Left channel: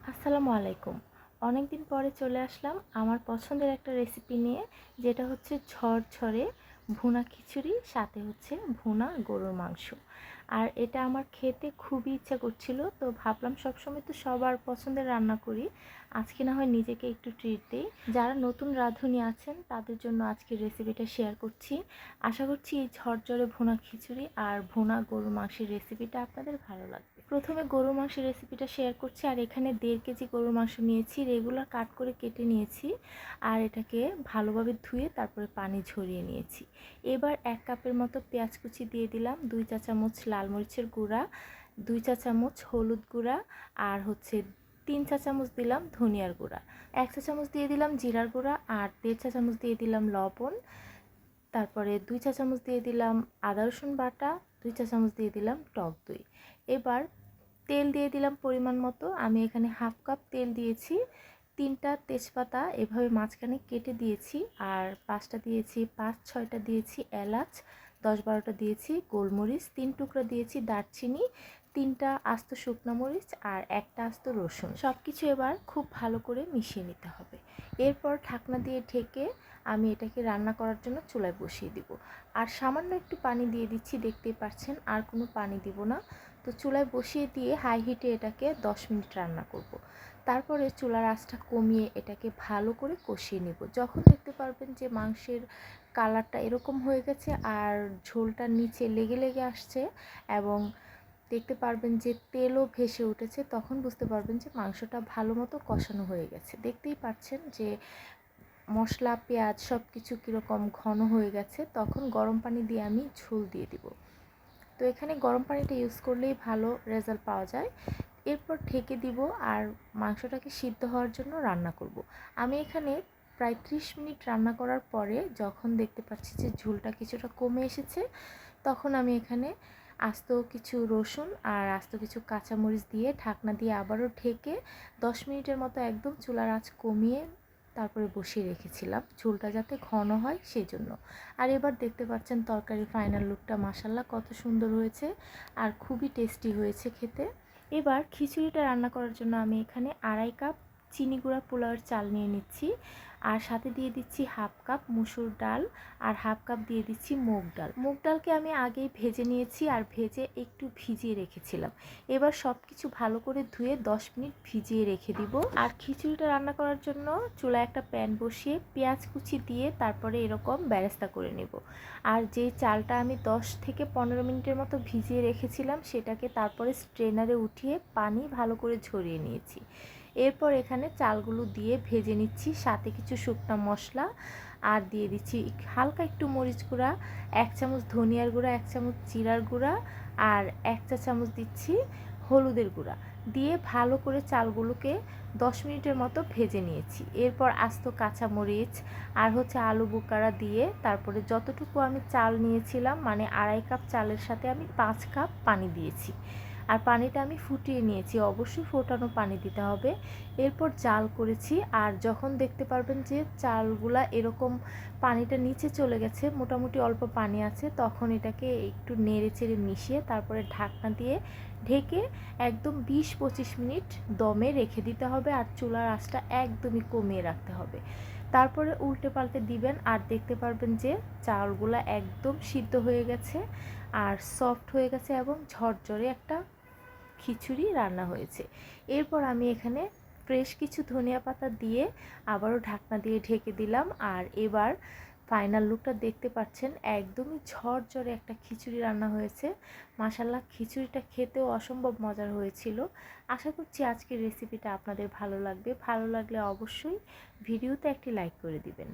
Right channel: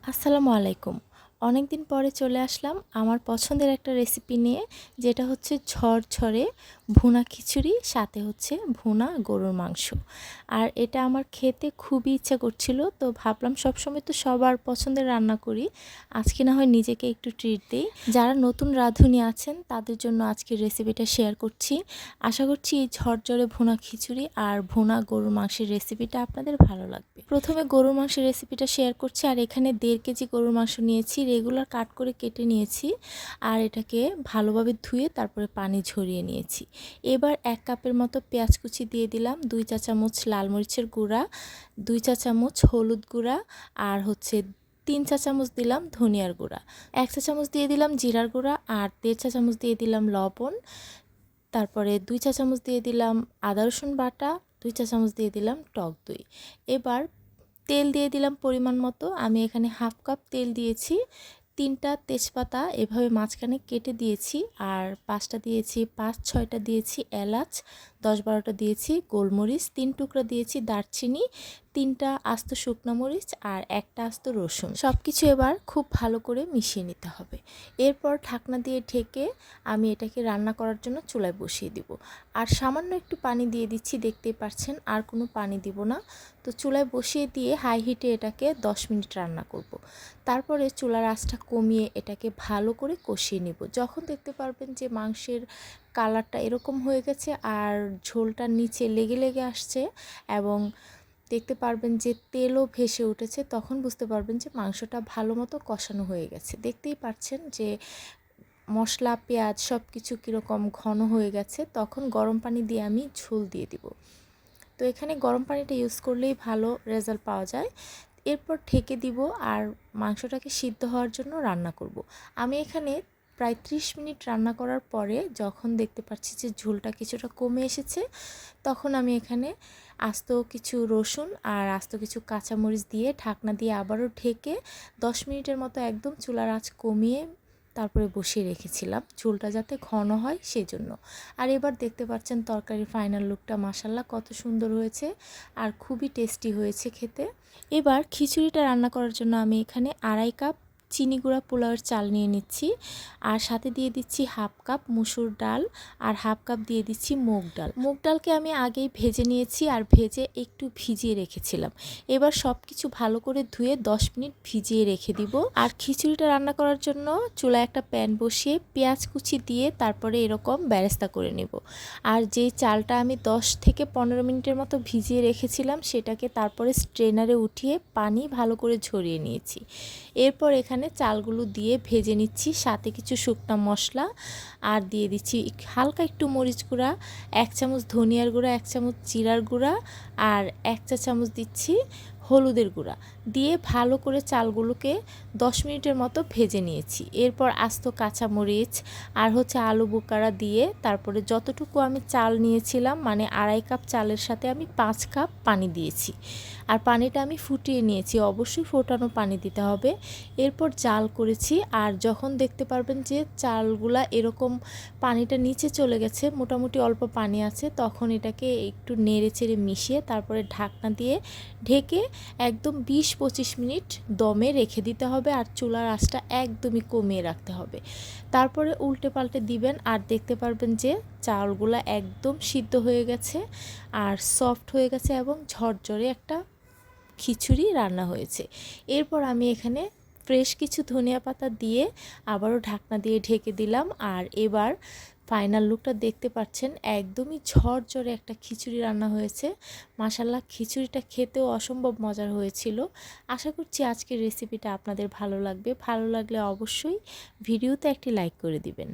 আসসালামু আলাইকুম। অনেক দিন পরে চলে আসলাম আমার পছন্দের একটা রেসিপি নিয়ে, যেটা হচ্ছে ঝরঝরে ভুনা খিচুড়ি, সাথে হচ্ছে ভুনা গরুর মাংস। আর এটা আমার খেতে খুবই ইচ্ছা করছিল, তো ভাবলাম সবসময় তো সবার পছন্দের রান্না করি। আজকে না হয় নিজেকে একটু ট্রিট দিই। যারা নতুন রাঁধুনি আছেন, তাদের জন্য আজকে রেসিপিটা শেয়ার করছি। আশা করছি এই ঝরঝরে ভুনা খিচুড়ি আর ভুনা গরুর মাংসের রেসিপিটা আপনাদের ভালো লাগবে। প্রথমে গরুর মাংসের রেসিপিটা শেয়ার করছি, আর এখানে দেড় কেজি গরুর মাংস নিয়েছি রেগুলার কাট করে কেটে নিয়েছি। আর এটাকে ভালোভাবে ধুয়ে তারপরে পানি ঝরিয়ে নিয়েছি। এবার এক কাপের মতো পেঁয়াজ কুচি দিয়ে দিলাম, দুই চা চামচ লাল মরিচের গুঁড়া, দুই চা চামচ হলুদ গুঁড়া আর হচ্ছে তিন চা চামচ দিলাম ধনিয়ার গুঁড়া। এক চা চামচ দিয়ে দিলাম জিরার গুঁড়া আর দেড় চা চামচ দিয়ে দিলাম লবণ। তারপরে দুই চা চামচ দিয়ে দিলাম আদা রসুন বাটা, দুই চা চামচ দিয়ে দিলাম টক দই। এবার তেল দিয়ে দিলাম পরিমাণ মতো, আমি এখানে হাফ কাপ তেল দিয়েছি। তিনটা তেজপাতা এভাবে মাঝখানে কেটে দিয়েছি আর পাঁচটা দিয়েছি পাঁচ ছয়টা দিয়েছি এলাচ দশ বারোটা দিয়েছি, গোলমরিচ, তিন টুকরা দিয়েছি দারচিনি, তিনটা আস্ত শুকনো মরিচ আর একটা আস্ত রসুন। সব কিছু এবার খুব ভালো করে মিশিয়ে নিতে হবে। এরপর ঢাকনা দিয়ে ঢেকে আমি এটাকে রান্না করার জন্য চুলায় বসিয়ে দিব। আর সামান্য একটু পানি দিয়ে দিচ্ছি, দেখতেই পাচ্ছেন আর কোনো পানি দিব না। তো চুলায় বসিয়ে দিয়ে হাই হিটে এটাকে দশ মিনিট রান্না করব। তারপরে চুলার আঁচটা কমিয়ে এটাকে ভালো করে কষিয়ে নিব। যখন দেখতে পারবেন যে মাংসের কালারটা এরকম হয়ে গেছে আর ঝোলটা নিচে লেগে লেগে আসছে এবং দেখতে পারবেন যে তেলও ভেসে উঠেছে, তখন বুঝতে পারবেন যে মাংসটা ভালো মতো কষানো হয়ে গেছে। দেখতেই পাচ্ছেন যে মশলা, পেঁয়াজ সব কিছু কীরকম ঘন হয়ে গেছে, তখন গরম পানি দিয়ে আমি ঝোল দিয়ে দিব। তো এখানে গরম পানিটা ইউজ করলেই ভালো রেজাল্ট পাওয়া যায়। এরপর ঢেকে দিব আর মাংসটাকে সিদ্ধ হওয়ার জন্য রান্না করব। আমি এখানে প্রায় ত্রিশ মিনিট রান্না করার পরে যখন দেখতে পাচ্ছি যে ঝোলটা কিছুটা কমে এসেছে, তখন আমি এখানে আস্ত কিছু রসুন আর আস্ত কিছু কাঁচামরিচ দিয়ে ঢাকনা দিয়ে আবারও ঢেকে দশ মিনিটের মতো একদম চুলার আঁচ কমিয়ে তারপরে বসিয়ে রেখেছিলাম। ঝোলটা যাতে ঘন হয় সেই জন্য আর এবার দেখতে পাচ্ছেন তরকারি ফাইনাল লুকটা মাসাল্লা কত সুন্দর হয়েছে আর খুবই টেস্টি হয়েছে খেতে। এবার খিচুড়িটা রান্না করার জন্য আমি এখানে আড়াই কাপ চিনি গুঁড়া পোলাওয়ের চাল নিয়ে নিচ্ছি। আর সাথে দিয়ে দিচ্ছি হাফ কাপ মুসুর ডাল আর হাফ কাপ দিয়ে দিচ্ছি মুগ ডাল। মুগ ডালকে আমি আগেই ভেজে নিয়েছি আর ভেজে একটু ভিজিয়ে রেখেছিলাম। এবার সব কিছু ভালো করে ধুয়ে 10 মিনিট ভিজিয়ে রেখে দিব। আর খিচুড়িটা রান্না করার জন্য চুলায় একটা প্যান বসিয়ে পেঁয়াজ কুচি দিয়ে তারপরে এরকম ব্যারেস্তা করে নেব। আর যেই চালটা আমি 10 থেকে পনেরো মিনিটের মতো ভিজিয়ে রেখেছিলাম সেটাকে তারপরে স্ট্রেনারে উঠিয়ে পানি ভালো করে ঝরিয়ে নিয়েছি। এরপর এখানে চালগুলো দিয়ে ভেজে নিচ্ছি। সাথে কিছু শুকনো মশলা আর দিয়ে দিচ্ছি হালকা একটু মরিচ গুঁড়া, এক চামচ ধনিয়ার গুঁড়া, এক চামচ জিরার গুঁড়া আর এক চা চামচ দিচ্ছি হলুদের গুঁড়া। দিয়ে ভালো করে চালগুলোকে দশ মিনিটের মতো ভেজে নিয়েছি। এরপর আস্ত কাঁচা মরিচ আর হচ্ছে আলু বোকারা দিয়ে তারপরে যতটুকু আমি চাল নিয়েছিলাম মানে আড়াই কাপ চালের সাথে আমি পাঁচ কাপ পানি দিয়েছি। আর পানিটা আমি ফুটিয়ে নিয়েছি, অবশ্যই ফোটানো পানি দিতে হবে। এরপর জাল করেছি আর যখন দেখতে পারবেন যে চালগুলা এরকম পানিটা নিচে চলে গেছে, মোটামুটি অল্প পানি আছে, তখন এটাকে একটু নেড়ে চেড়ে মিশিয়ে তারপরে ঢাকনা দিয়ে ঢেকে একদম বিশ পঁচিশ মিনিট দমে রেখে দিতে হবে আর চুলার আঁচটা একদমই কমিয়ে রাখতে হবে। তারপরে উল্টে পাল্টে দিবেন আর দেখতে পারবেন যে চালগুলা একদম সিদ্ধ হয়ে গেছে আর সফট হয়ে গেছে এবং ঝরঝরে একটা খিচুড়ি রান্না হয়েছে। এরপর আমি এখানে ফ্রেশ কিছু ধনিয়া পাতা দিয়ে আবারও ঢাকনা দিয়ে ঢেকে দিলাম আর এবার ফাইনাল লুকটা দেখতে পাচ্ছেন, একদমই ঝরঝরে একটা খিচুড়ি রান্না হয়েছে। মাসাল্লাহ খিচুড়িটা খেতেও অসম্ভব মজার হয়েছিল। আশা করছি আজকের রেসিপিটা আপনাদের ভালো লাগবে। ভালো লাগলে অবশ্যই ভিডিওতে একটি লাইক করে দিবেন।